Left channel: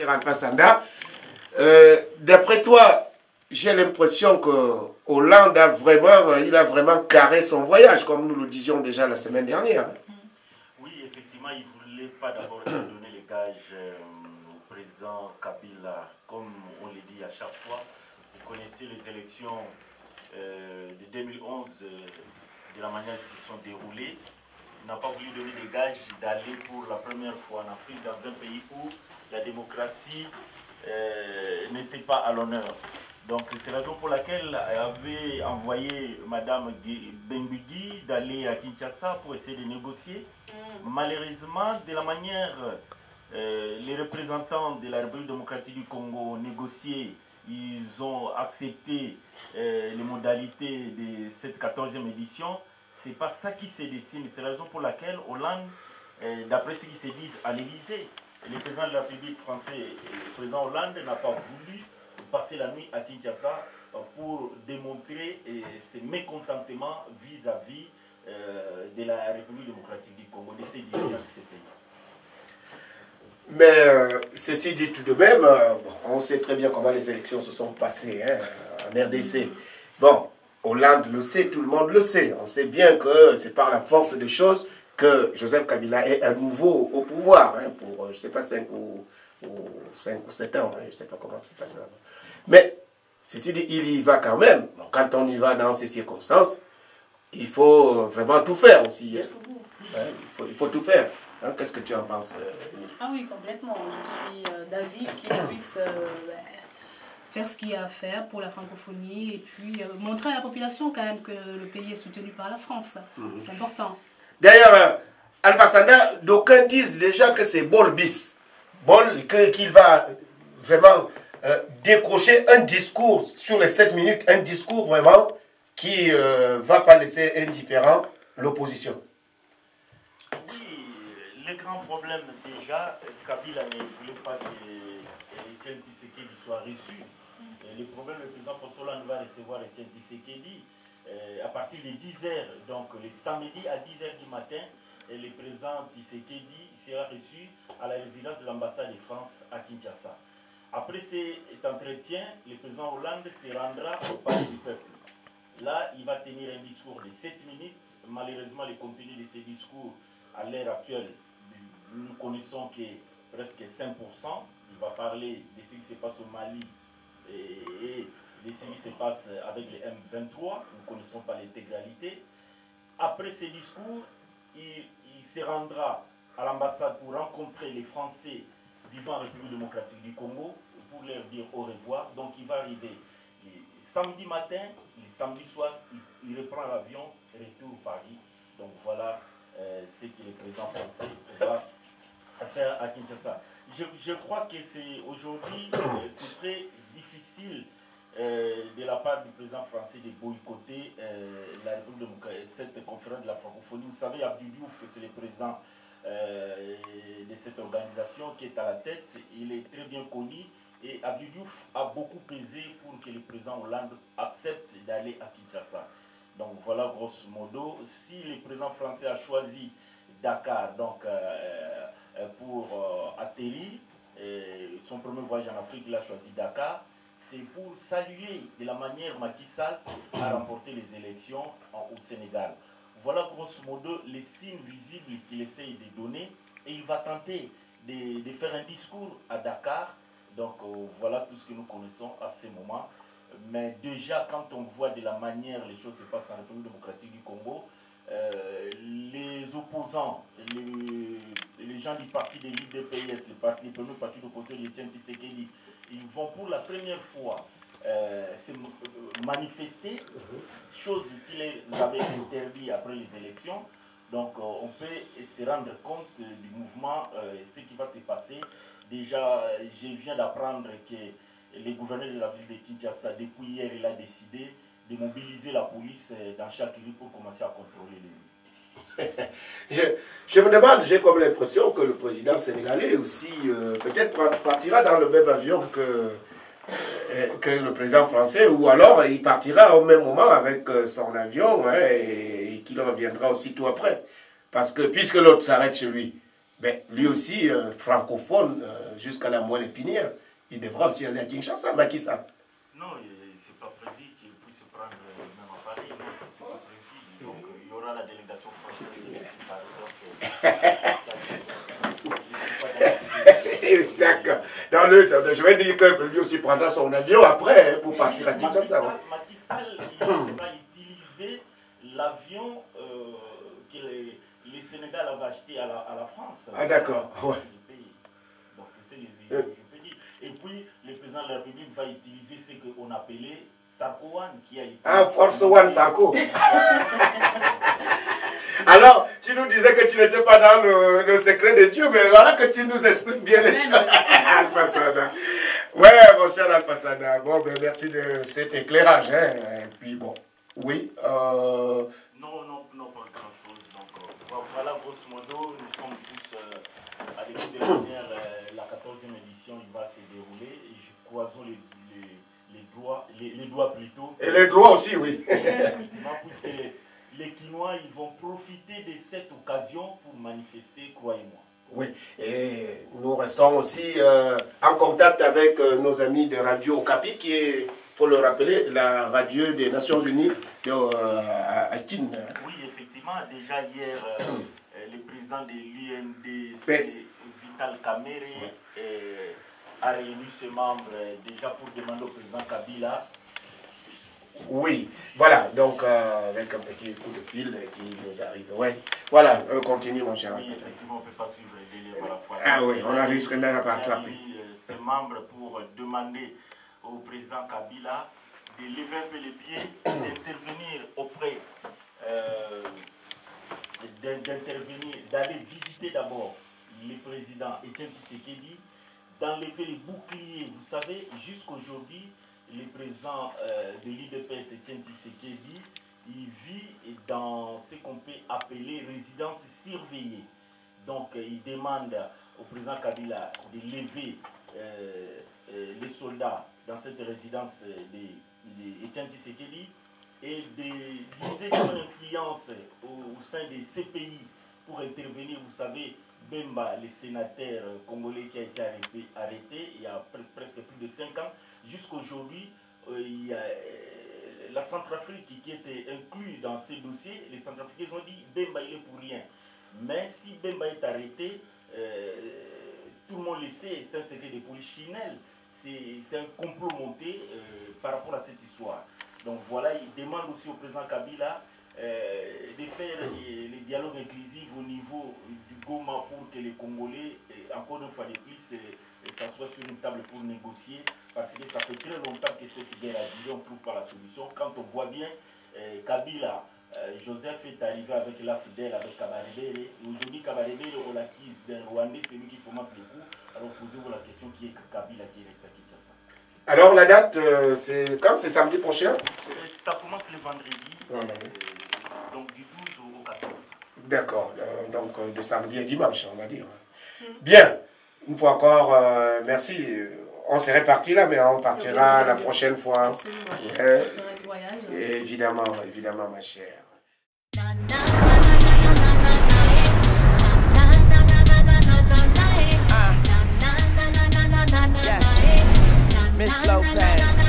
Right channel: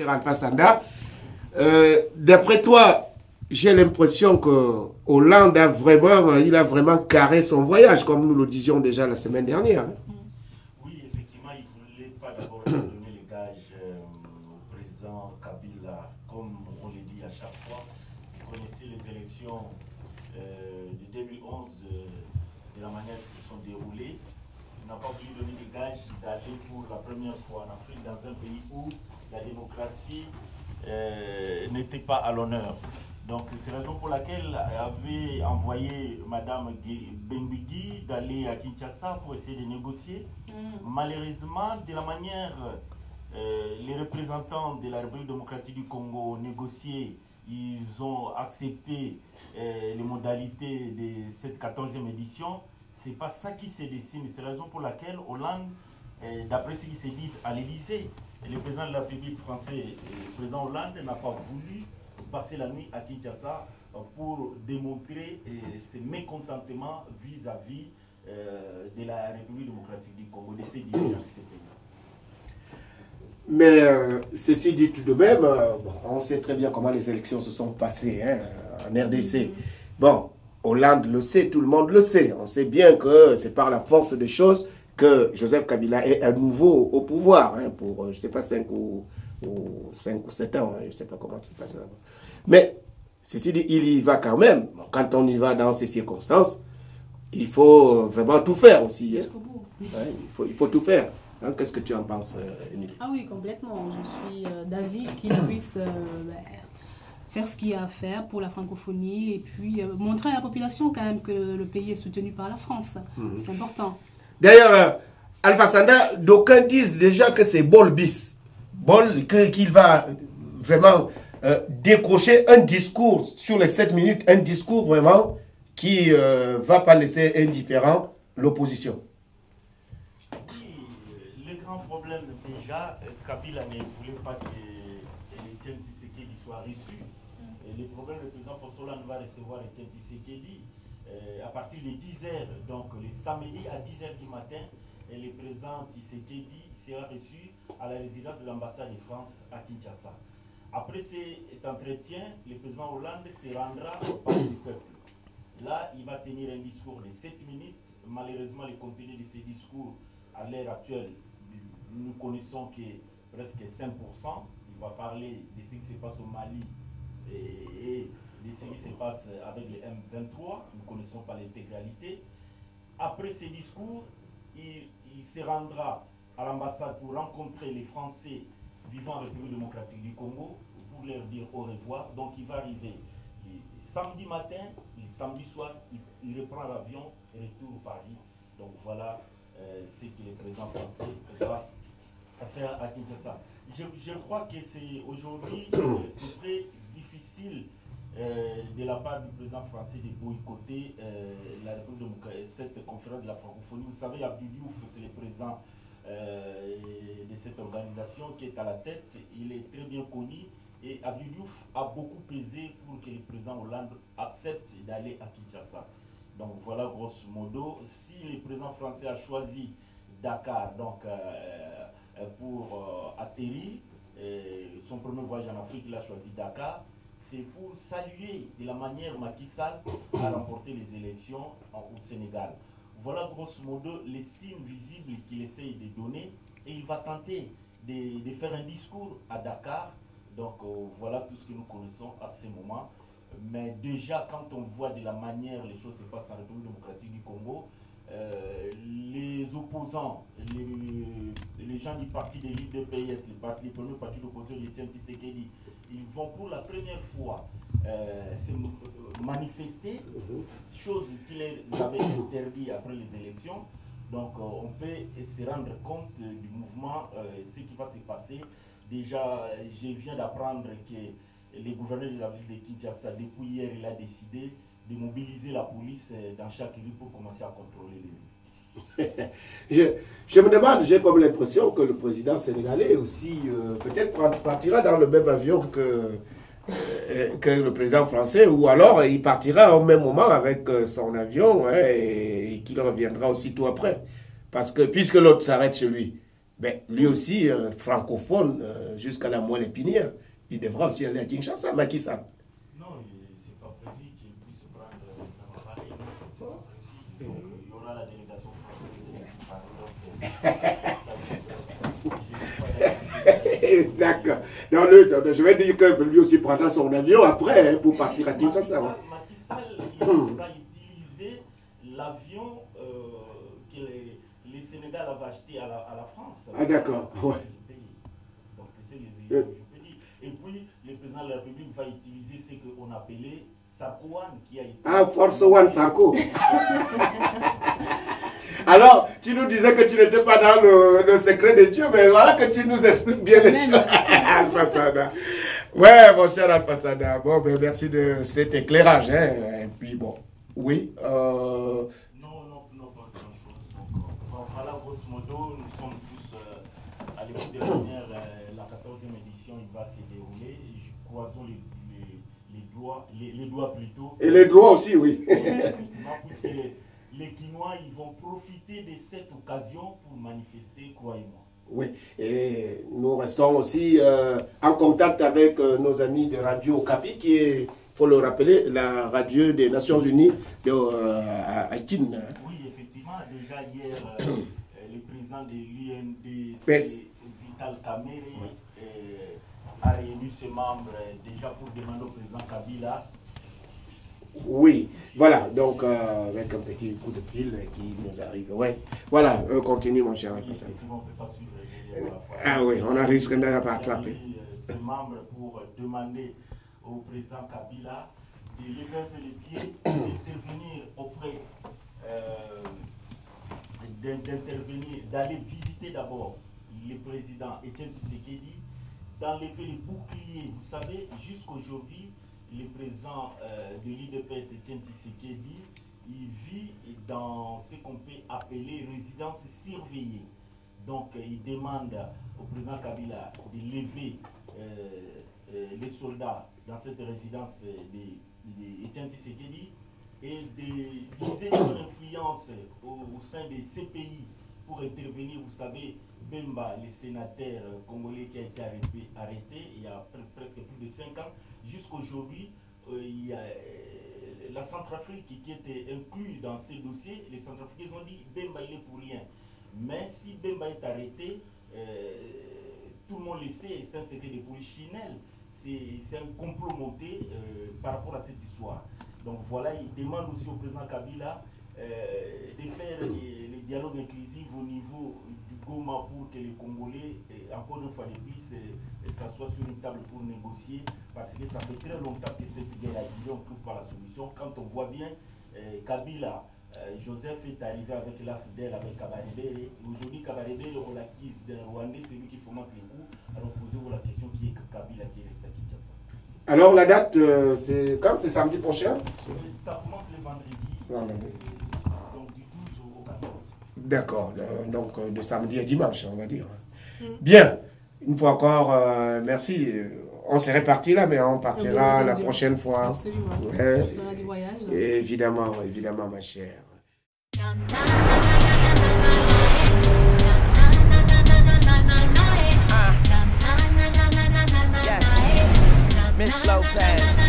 cher Alpha Sanda. D'après toi, j'ai l'impression que Hollande a vraiment carré son voyage, comme nous le disions déjà la semaine dernière. Oui, effectivement, il ne voulait pas d'abord donner les gages au président Kabila, comme on le dit à chaque fois. Vous connaissez les élections de 2011, de la manière dont elles se sont déroulées. Il n'a pas voulu donner des gages d'aller pour la première fois en Afrique dans un pays où la démocratie n'était pas à l'honneur. Donc c'est la raison pour laquelle il avait envoyé Mme Benguigui d'aller à Kinshasa pour essayer de négocier. Malheureusement, de la manière les représentants de la République démocratique du Congo négociaient, ils ont accepté les modalités de cette 14e édition. C'est pas ça qui se dessine. C'est la raison pour laquelle Hollande, d'après ce qu'ils se disent à l'Élysée, le président de la République française, le président Hollande n'a pas voulu passer la nuit à Kinshasa pour démontrer ses mécontentements vis-à-vis de la République démocratique du Congo, de ses dirigeants de ce pays. Mais ceci dit tout de même, bon, on sait très bien comment les élections se sont passées en RDC. Bon, Hollande le sait, tout le monde le sait. On sait bien que c'est par la force des choses que Joseph Kabila est à nouveau au pouvoir, pour, je ne sais pas, 5 ou 7 ans, je ne sais pas comment c'est passé là-bas. Mais, ceci dit, il y va quand même. Bon, quand on y va dans ces circonstances, il faut vraiment tout faire aussi. Il faut tout faire. Qu'est-ce que tu en penses, Émilie? Ah oui, complètement. Je suis d'avis qu'il puisse faire ce qu'il y a à faire pour la francophonie et puis montrer à la population quand même que le pays est soutenu par la France. C'est important. D'ailleurs, Alpha Sanda, d'aucuns disent déjà que c'est Bol bis. Bol, qu'il va vraiment décrocher un discours sur les 7 minutes, un discours vraiment qui ne va pas laisser indifférent l'opposition. Oui, le grand problème déjà, Kabila ne voulait pas que Etienne Tshisekedi soit reçu. Le problème, le président François Hollande va recevoir Etienne Tshisekedi à partir de 10h, donc le samedi à 10h du matin, le président Tshisekedi sera reçu à la résidence de l'ambassade de France à Kinshasa. Après cet entretien, le président Hollande se rendra au palais du peuple. Là, il va tenir un discours de 7 minutes. Malheureusement, le contenu de ce discours, à l'heure actuelle, nous connaissons que presque 5%. Il va parler de ce qui se passe au Mali et de ce qui se passe avec les M23. Nous ne connaissons pas l'intégralité. Après ce discours, il se rendra à l'ambassade pour rencontrer les Français vivant en République démocratique du Congo pour leur dire au revoir. Donc il va arriver samedi matin, le samedi soir, il reprend l'avion, retour Paris. Donc voilà ce que le président français va faire à Kinshasa. Je crois que c'est aujourd'hui, c'est très difficile de la part du président français de boycotter la République démocratique, cette conférence de la francophonie. Vous savez, Abdou Diouf, c'est le président de cette organisation qui est à la tête. Il est très bien connu et Abdou Diouf a beaucoup pesé pour que le président Hollande accepte d'aller à Kinshasa. Donc voilà, grosso modo, si le président français a choisi Dakar donc, pour atterrir, son premier voyage en Afrique, il a choisi Dakar, c'est pour saluer de la manière Macky Sall a remporté les élections au Sénégal. Voilà grosso modo les signes visibles qu'il essaye de donner et il va tenter de faire un discours à Dakar. Donc voilà tout ce que nous connaissons à ce moment. Mais déjà quand on voit de la manière les choses se passent en République démocratique du Congo, les opposants, les gens du parti de l'UDPS, le premier parti d'opposition d'Etienne Tshisekedi, ils vont pour la première fois se manifester, chose qui les avait interdit après les élections. Donc on peut se rendre compte du mouvement, ce qui va se passer. Déjà, je viens d'apprendre que le gouverneur de la ville de Kinshasa, depuis hier, il a décidé de mobiliser la police dans chaque rue pour commencer à contrôler les rues. Je me demande, j'ai comme l'impression que le président sénégalais aussi peut-être partira dans le même avion que le président français, ou alors il partira au même moment avec son avion et qu'il reviendra aussitôt après. Parce que puisque l'autre s'arrête chez lui. ben, lui aussi, francophone, jusqu'à la moelle épinière, il devra aussi aller à Kinshasa, Macky Sall. Non, c'est pas prévu qu'il puisse prendre vraiment Paris. Non, c'est pas prévu. Donc, il y aura la délégation française. D'accord. Je vais dire que lui aussi prendra son avion après pour partir à Kinshasa. Macky Sall, il va utiliser l'avion que le Sénégal avait acheté à la France. Ah d'accord. Ouais. Donc, c'est les je peux dire. Et puis, le président de la République va utiliser ce qu'on appelait Sarko One, qui a été... Ah, Force One Sarko. Alors, tu nous disais que tu n'étais pas dans le secret de Dieu, mais voilà que tu nous expliques bien les choses. Alpha Sada. Ouais, mon cher Alpha Sada. Bon, ben, merci de cet éclairage. Hein. Et puis, bon, oui. Non, pas grand-chose. Donc, voilà, grosso modo, nous sommes tous à l'écoute de la dernière, la 14e édition, il va se dérouler. Et croisons les doigts plutôt. Et les doigts aussi, oui. Puisque les Quinois, ils vont profiter de cette occasion pour manifester, croyez-moi. Oui, et nous restons aussi en contact avec nos amis de Radio Okapi, qui est, il faut le rappeler, la radio des Nations Unies à Kin. Oui, effectivement, déjà hier, le président de l'UNDC, Vital Kamerhe, a réuni ses membres déjà pour demander au président Kabila. Oui, voilà, donc avec un petit coup de fil qui nous arrive. Ouais. Voilà, continue mon cher. Oui, effectivement, on ne peut pas suivre les délais. Voilà, ah oui, on a risqué de ne pas attraper. Ses membres pour demander au président Kabila de lever un peu les pieds, d'intervenir auprès, d'aller visiter d'abord le président Etienne Tshisekedi, d'enlever les boucliers. Vous savez, jusqu'aujourd'hui, le président de l'UDPS, Etienne Tshisekedi, il vit dans ce qu'on peut appeler résidence surveillée. Donc, il demande au président Kabila de lever les soldats dans cette résidence d'Etienne Tshisekedi et d'utiliser son influence au sein des CPI pour intervenir. Vous savez, Bemba, le sénateur congolais qui a été arrêté il y a presque plus de 5 ans, jusqu'aujourd'hui, il y a la Centrafrique qui était inclus dans ces dossiers. Les Centrafricains ont dit Bemba il est pour rien. Mais si Bemba est arrêté, tout le monde le sait, c'est un secret de polichinelle. C'est un complot monté par rapport à cette histoire. Donc voilà, il demande aussi au président Kabila de faire les dialogues inclusifs au niveau du Goma pour que les Congolais, encore une fois de plus, s'assoient sur une table pour négocier, parce que ça fait très longtemps que ceux qui viennent à l'idée, on ne trouve pas la solution. Quand on voit bien, Kabila, Joseph est arrivé avec la fidèle, avec Kabarebere. Aujourd'hui, Kabarebere, on l'acquise d'un Rwandais, c'est lui qui fomente les coups. Alors posez-vous la question qui est Kabila qui est resté à Kinshasa. Alors la date, c'est quand? C'est samedi prochain? Ça commence le vendredi. Donc du 12 au 14. D'accord, donc de samedi à dimanche, on va dire. Bien, une fois encore, merci. On serait parti là, mais on partira la prochaine fois. Absolument. Ça sera du voyage. Évidemment, évidemment, ma chère. Yes, Miss Lopez.